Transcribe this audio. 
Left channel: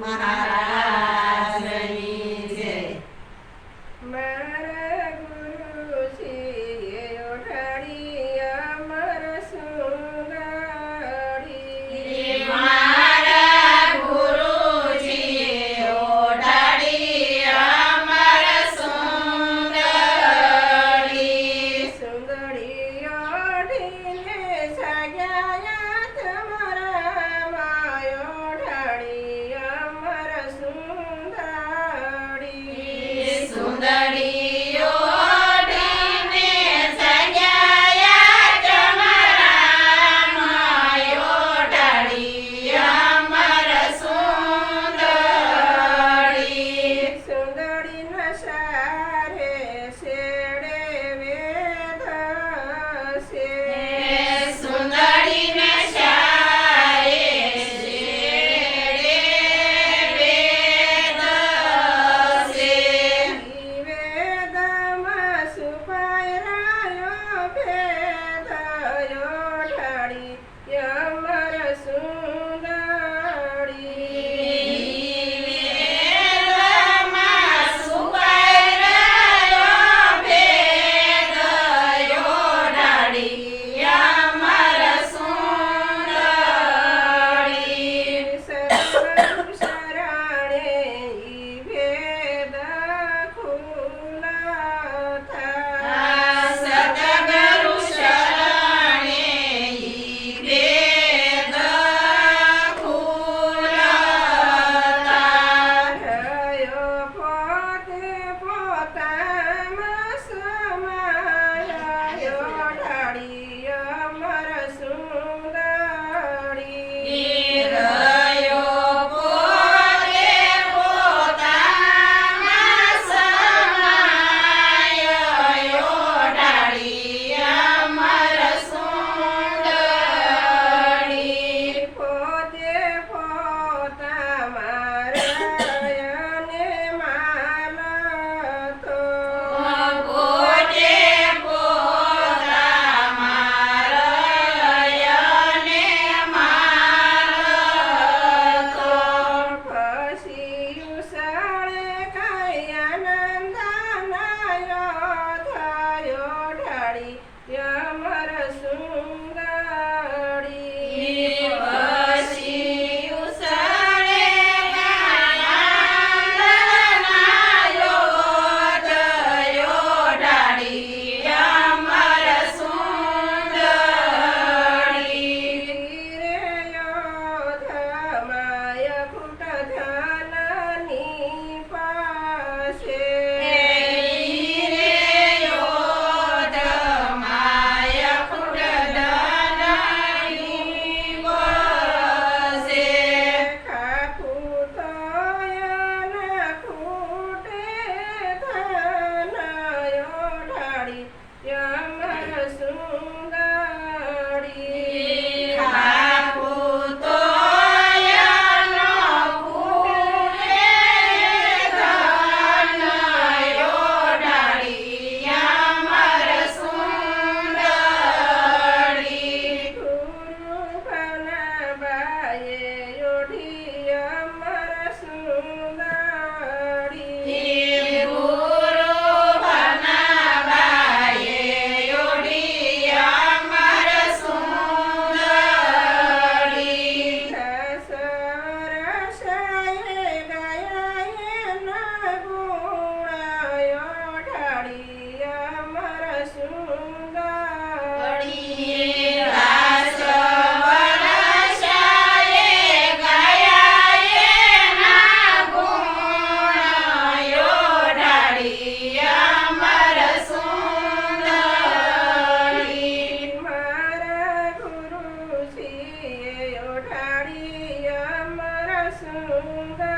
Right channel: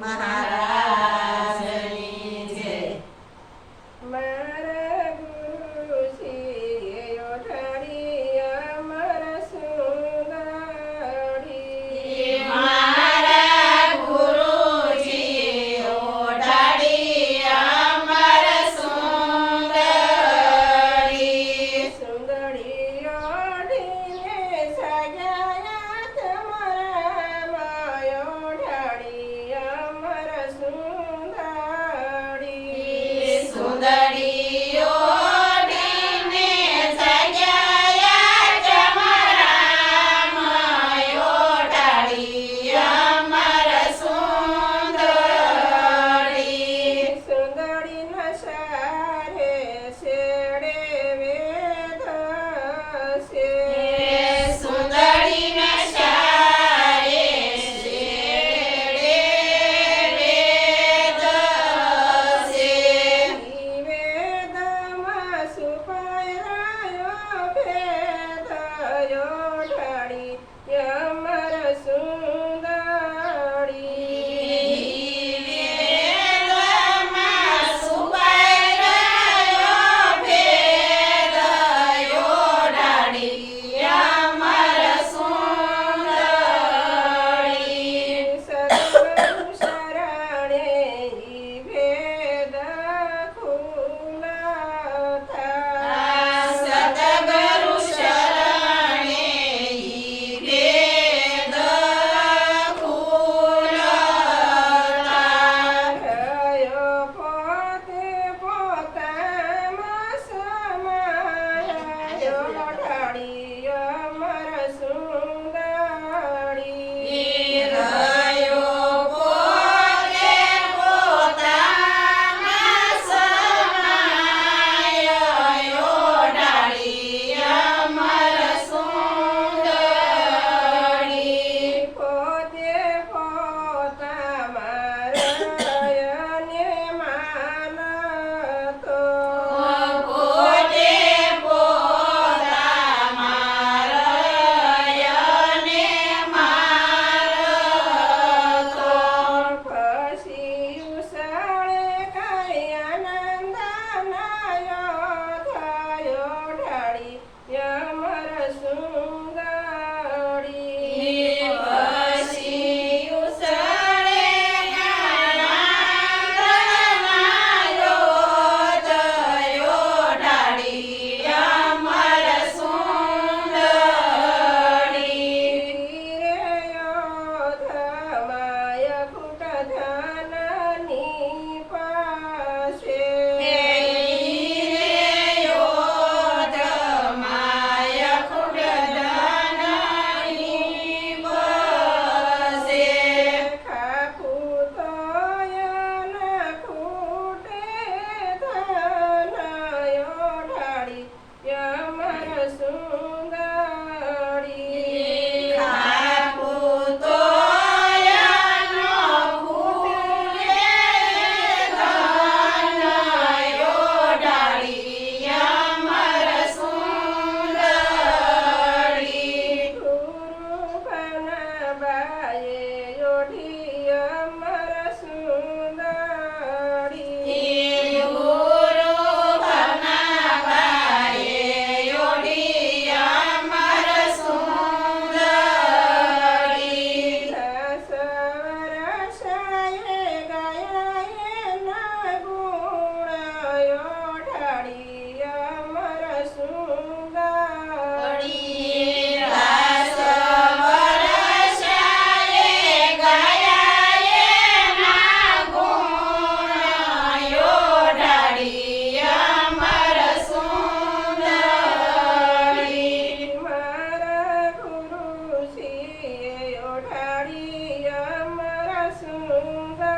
મહારાજની જય. મારા ગુરુજીએ ઓઢાડી અમર સુંદરી. મારા ગુરુજીએ ઓઢાડી અમર સુંદરી. સુંદરી ઓઢીને સજાયા તમારા માય ઓઢાડી અમર સુંદરી. સુંદરીઓ ઓઢીને સજાયા તમારા માય ઓઢાડી અમર સુંદરી. સુંદરીના સારે શેડે વેદ છે. સુંદરીને સારે શેડે વેદ છે. ઈ વેદમાં સુપાયરાયો ભેદ ઓઢાડી અમર સુંદરી. વેદમાં સુપાયરાયો ભેદ ઓઢાડી અમર સુંદરી. સર્વ શરણે ઈ ભેદ ખુલા થા. સતગુરુ શરણે ઈ ભેદ ખુલતા. રહ્યો પોતે પોતામાં સમાયો ઓઢાડી અમર સુંદરી. રહ્યો પોતે પોતામાં સમાયો ઓઢાડી અમર સુંદરી. પોતે પોતામાં રયને માનતો. પોતે પોતામાં રયને મારતો. પછી ઉસળે કલ્યાણંદનાયો થયો ઢાળી અમર સુંદરી. પછી ઉસળે આનંદનાયો થયો ઢાળી અમર સુંદરી. ધમાય કુટ ધનની પાસે. ખાખું તોયના ખૂટે ધનયો ઢાળી અમર સુંદરી. ગુરુ બનાબાએ ઓઢી અમર સુંદરી. દસ વર્ષે ગયા એના ગુણ ઓઢાડી અમર સુંદરી. મારા ગુરુજીએ ઓઢાડી અમર સુંદરી.